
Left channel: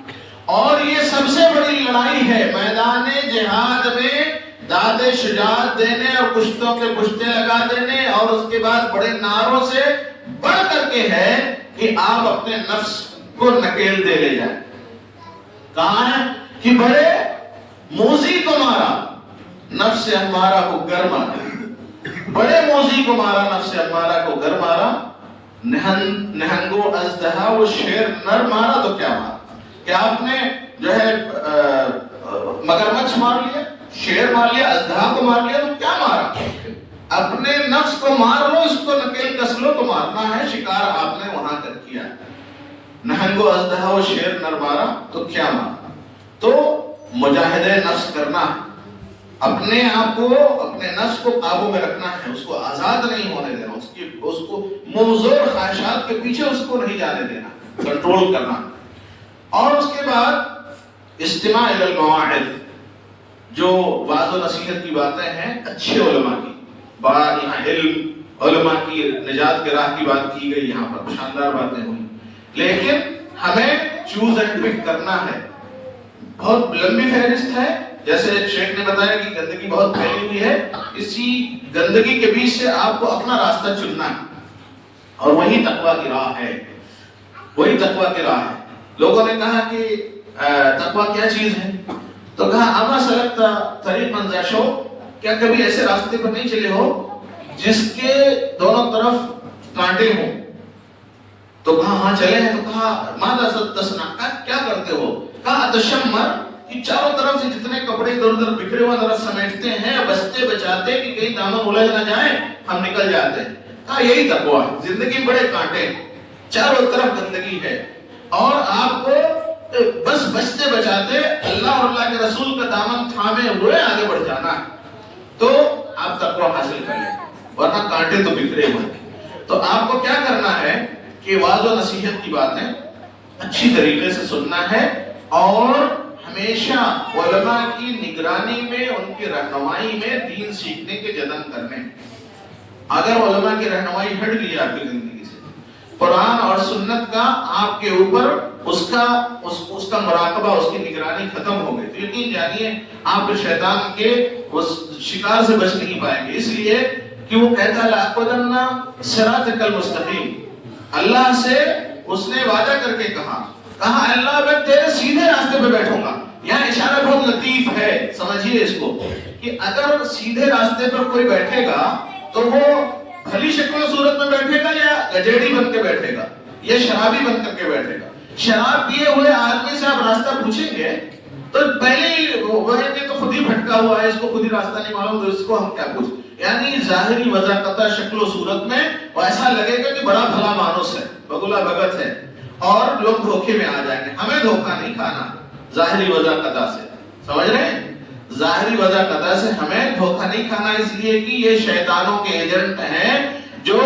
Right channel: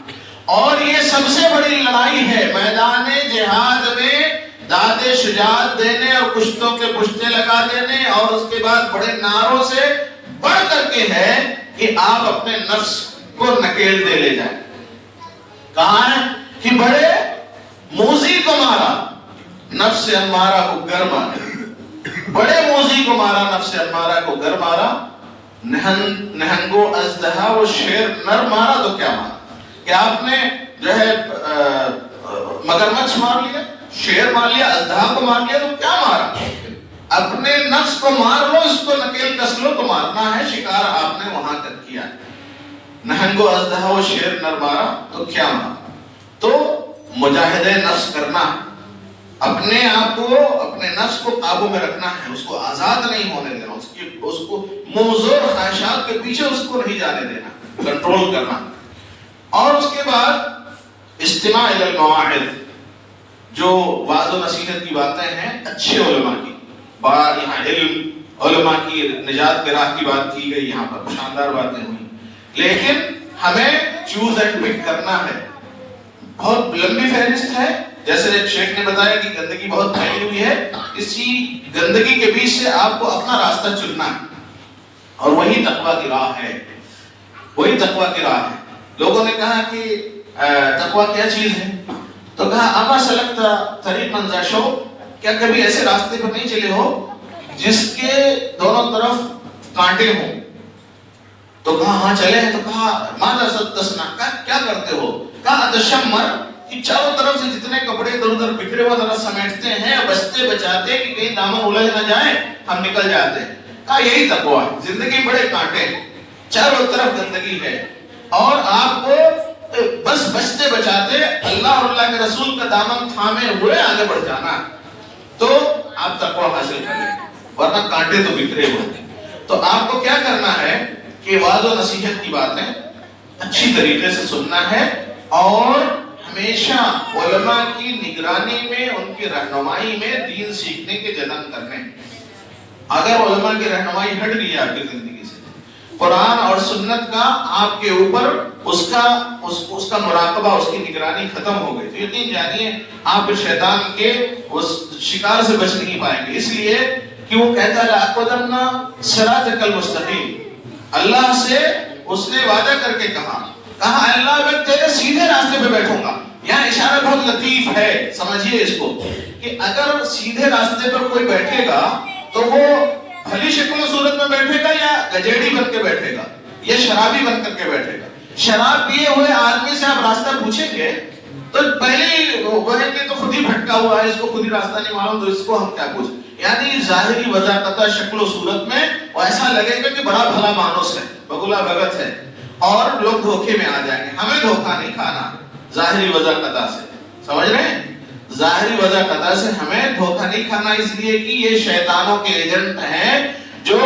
اور یہ سب سے بڑی لڑائی ہے میدان جہاد میں، داد شجاعت دینے اور کشتوں کے پشتے لگا دینے اور اس کے بعد بڑے نعروں سے بڑھ کر کے ہے کہ آپ اپنے نفس کو نکیل دے لے جائیں۔ کہاں ہے کہ بڑے موذی کو مارا، نفس امارہ کو گر مارا، بڑے موذی کو مارا، نفس امارہ کو گر مارا، نہنگو ازدہا وہ شیر نر مارا تو کیا مارا؟ کہ آپ نے جو ہے مگرمچھ مار لیا، شیر مار لیا، ازدہا کو مار لیا تو کیا مارا؟ اپنے نفس کو مار لو، اس کو نکیل کس لو تو مارنا ہے، شکار آپ نے وہاں کر کیا۔ نہنگو ازدہا وہ شیر نر مارا تو کیا مارا؟ تو مجاہدہ نفس کرنا، اپنے آپ کو، اپنے نفس کو قابو میں رکھنا ہے، اس کو آزاد نہیں ہونے دینا، اس کو ممزور خواہشات کے پیچھے اس کو نہیں جانے دینا، کنٹرول کرنا۔ اور اس کے بعد استماع الی المواعظ، جو وعظ و نصیحت کی باتیں ہیں اچھے علماء کی، بڑا یہاں علم علماء کی نجات کے راہ کی بات کی گئی، یہاں پر شاندار باتیں ہوئی، لیکن ہمیں چوز اینڈ پک کرنا ہے۔ بہت لمبی فہرست ہے، جیسے شیخ نے بتایا کہ گندگی بہت پھیلی ہوئی ہے، اسی گندگی کے بیچ سے آپ کو اپنا راستہ چننا ہے، اور وہی تقویٰ کی راہ ہے، وہی تقویٰ کی راہ ہے۔ لوگوں نے کہا کہ تقویٰ کیا چیز ہے؟ تو کہا اما سلکتا طریقا ذا شوق، کیا کبھی ایسے راستے پر نہیں چلے ہو جس کے دونوں طرف کانٹے ہوں؟ تو کہا ہاں چلے ہیں۔ تو کہا ماذا تصنع، کیا کرتے ہو؟ کہا اتشمر، کہ چاروں طرف سے جتنے کپڑے ادھر ادھر بکھرے ہوئے ذرا سمیٹتے ہیں، بچتے بچاتے کہ کہیں دامن الجھ نہ جائے، ہم نکل جاتے ہیں۔ کہا یہی تقویٰ ہے، زندگی میں بڑے کانٹے، چاروں طرف گندگی ہے، اور آپ کو بس بچتے بچاتے اللہ اور اللہ کے رسول کا دامن تھامے ہوئے آگے بڑھ جانا، تو آپ تقویٰ حاصل کر لیں، ورنہ کانٹے تو بکھرے ہوئے۔ تو آپ کو کیا کرنا ہے کہ وعظ و نصیحت کی باتیں اچھی طریقے سے سننا ہے، اور ہمیشہ علماء کی نگرانی میں، ان کی رہنمائی میں دین سیکھنے کے جتن کرنے۔ اگر علماء کی رہنمائی ہٹ گئی آپ کی زندگی سے، قرآن اور سنت کا آپ کے اوپر اس کا مراقبہ، اس کی نگرانی ختم ہو گئی، تو یقین جانیے آپ شیطان کے اس شکار سے بچ نہیں پائیں گے۔ اس لیے کہ وہ کہتا ہے لَأَقْعُدَنَّ صِرَاطَكَ الْمُسْتَقِيمَ، اللہ سے اس نے وعدہ کر کے کہا اللہ میں تیرے سیدھے راستے پہ بیٹھوں گا۔ یہاں اشارہ بہت لطیف ہے، سمجھیے اس کو، کہ اگر سیدھے راستے پر کوئی بیٹھے گا تو وہ بھلی شکل و صورت میں بیٹھے گا یا گجیڑی بن کے بیٹھے گا یا شرابی بن کر کے بیٹھے گا؟ شراب پیے ہوئے آدمی سے آپ راستہ پوچھیں گے تو پہلے ہی وہ کہیں گے تو خود ہی بھٹکا ہوا ہے، اس کو خود ہی راستہ نہیں معلوم، تو اس کو ہم کیا پوچھیں؟ یعنی ظاہری وضاحت شکل و صورت میں ایسا لگے گا کہ بڑا بھلا مانوس ہے، بگلا بھگت ہے، اور لوگ دھوکے میں آ جائیں گے۔ ہمیں دھوکہ نہیں کھانا ظاہری وجہ قطع سے، سمجھ رہے ہیں؟ ظاہری وجہ قطع سے ہمیں دھوکہ نہیں کھانا، اس لیے کہ یہ شیطانوں کے ایجنٹ ہیں جو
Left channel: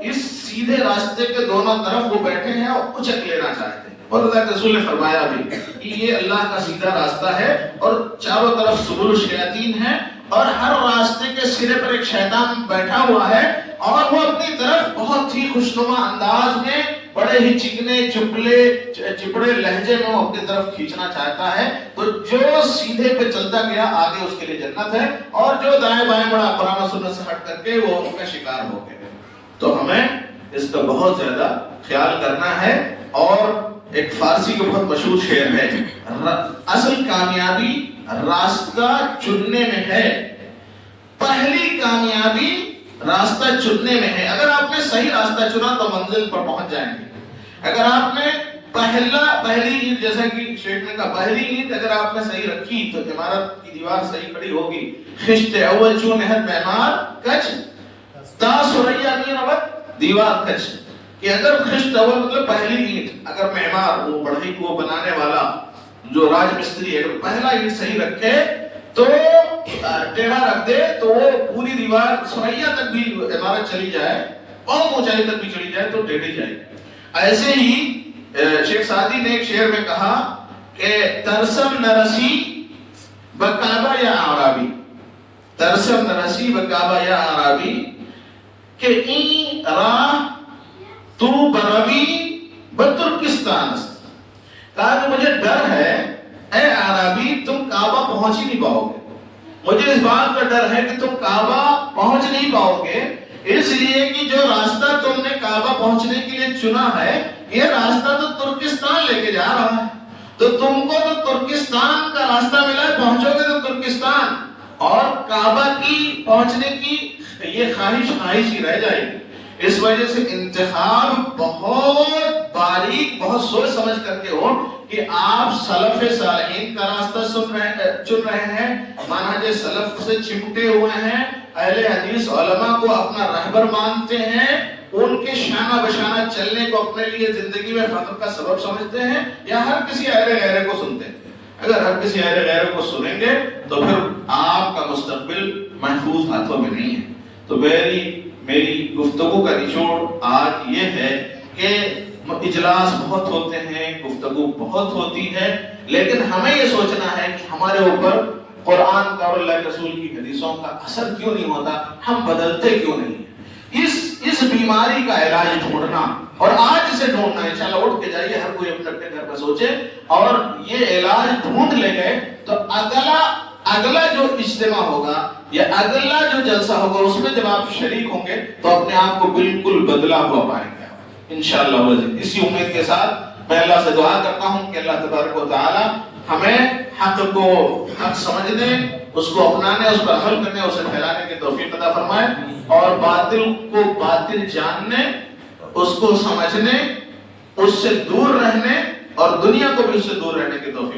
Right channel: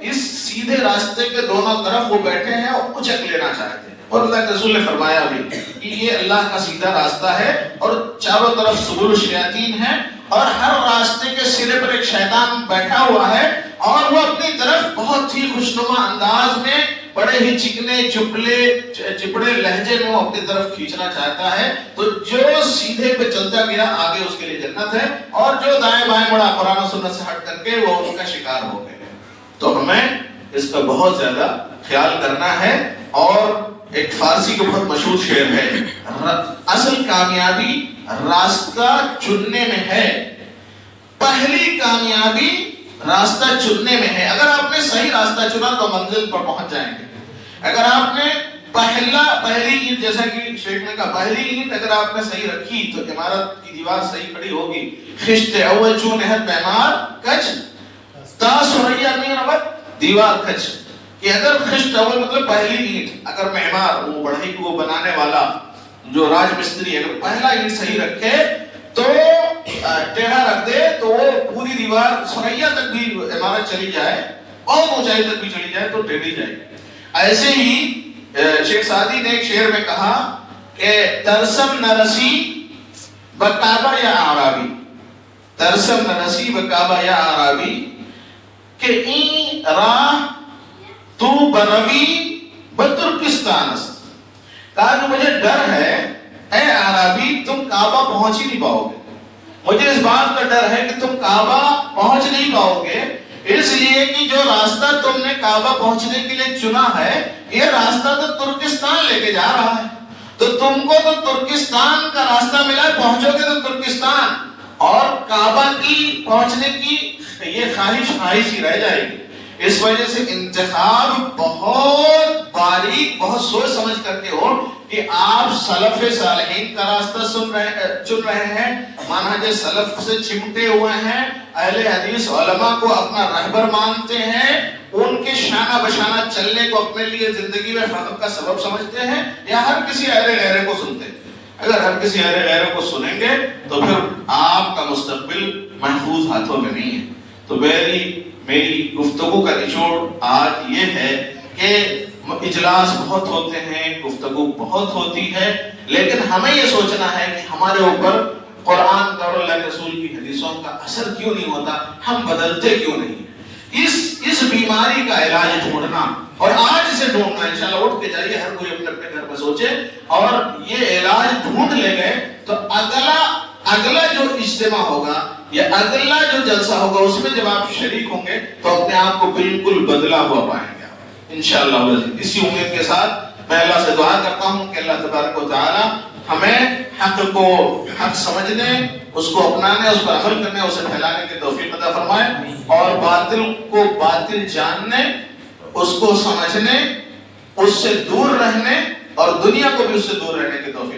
اس سیدھے راستے کے دونوں طرف وہ بیٹھے ہیں اور اچک لینا چاہتے ہیں۔ اور اللہ کے رسول نے فرمایا بھی کہ یہ اللہ کا سیدھا راستہ ہے، اور چاروں طرف سبل الشیاطین ہیں، اور ہر راستے کے سرے پر ایک شیطان بیٹھا ہوا ہے، اور وہ اپنی طرف بہت ہی خوشنما انداز میں بڑے ہی چکنے چپڑے لہجے میں وہ اپنی طرف کھینچنا چاہتا ہے۔ تو جو سیدھے پہ چلتا گیا آگے اس کے لیے جنت ہے، اور جو دائیں بائیں بڑا قرآن و سنت سے ہٹ کر کے وہ ان کا شکار ہو گئے۔ تو ہمیں اس کا بہت زیادہ خیال کرنا ہے۔ اور ایک فارسی کے بہت مشہور شعر ہے، اصل کامیابی راستہ چننے میں ہے، پہلی کامیابی راستہ چننے میں ہے۔ اگر آپ نے صحیح راستہ چنا تو منزل پر پہنچ جائیں گے۔ اگر آپ نے پہلی اینٹ، جیسا کہ شیخ نے کہا، پہلی اینٹ اگر آپ نے صحیح رکھی تو عمارت کی دیوار صحیح کھڑی ہوگی۔ خشت اول چون نہت معمار کچ تا سریا مین وقت دیوار کچ، کہ اگر خشت اول مطلب پہلی اینٹ، اگر معمار وہ بڑھئی کو بنانے والا جو راج مستری اگر پہلا اینٹ صحیح رکھے تو ٹیڑھا رکھ دے تو وہ پوری دیوار سریا تک بھی عمارت چلی جائے، اور اونچائی تک بھی چلی جائے تو ٹیڑھی جائے۔ ایسے ہی شیخ سعدی نے ایک شعر میں کہا کہ ترسم نہ رسی بکعبہ یا عربی ترسم نرسی بکعبہ یا عربی کہ این راہ تو بروی بترکستان است. کہا کہ مجھے ڈر ہے اے عربی تم کعبہ پہنچ ہی نہیں پاؤ گے. مجھے اس بات کا ڈر ہے کہ تم کعبہ پہنچ نہیں پاؤ گے، اس لیے کہ جو راستہ تم نے کعبہ پہنچنے کے لیے چنا ہے یہ راستہ تو ترکستان لے کے جا رہا ہے. تو تم کو تو ترکستان کا راستہ ملا ہے، پہنچو گے تو ترکستان، اور کعبہ کی پہنچنے کی یہ خواہش ہی رہ جائے گی. اس وجہ سے انتخاب بہت باریک، بہت سوچ سمجھ کر کے ہو کہ آپ سلف صالحین کا راستہ چن رہے ہیں، منہج سلف سے چمٹے ہوئے ہیں، اہل حدیث علماء کو اپنا رہبر مانتے ہیں، ان کے شانہ بشانہ چلنے کو اپنے لیے زندگی میں فخر کا سبب سمجھتے ہیں، یا ہر کسی اہل غیرے کو سنتے ہیں. اگر ہر کسی اہل غیرے کو سنیں گے تو پھر آپ کا مستقبل محفوظ ہاتھوں میں نہیں ہے. تو میری گفتگو کا نچوڑ آج یہ ہے کہ اجلاس بہت ہوتے ہیں، گفتگو بہت ہوتی ہے، لیکن ہمیں یہ سوچنا ہے کہ ہمارے اوپر قرآن کا اور اللہ کے رسول کی حدیثوں کا اثر کیوں نہیں ہوتا، ہم بدلتے کیوں نہیں. اس بیماری کا علاج ڈھونڈنا، اور آج سے ڈھونڈنا، انشاءاللہ اٹھ کے جائیے، ہر کوئی اپنے اپنے گھر پہ سوچے، اور یہ علاج ڈھونڈ لے گئے تو اگلا جو اجتماع ہوگا یا اگلا جو جلسہ ہوگا اس میں جب آپ شریک ہوں گے تو اپنے آپ کو بالکل بدلا ہوا پائیں گے انشاءاللہ. اسی امید کے ساتھ میں اللہ سے دعا کرتا ہوں کہ اللہ تبارک و تعالی ہمیں حق کو حق سمجھنے، اس کو اپنانے، اس پر عمل کرنے، اسے پھیلانے کی توفیق عطا فرمائے، اور باطل کو باطل جاننے، اس کو سمجھنے، اس سے دور رہنے، اور دنیا کو بھی اس سے دور رہنے کی توفیق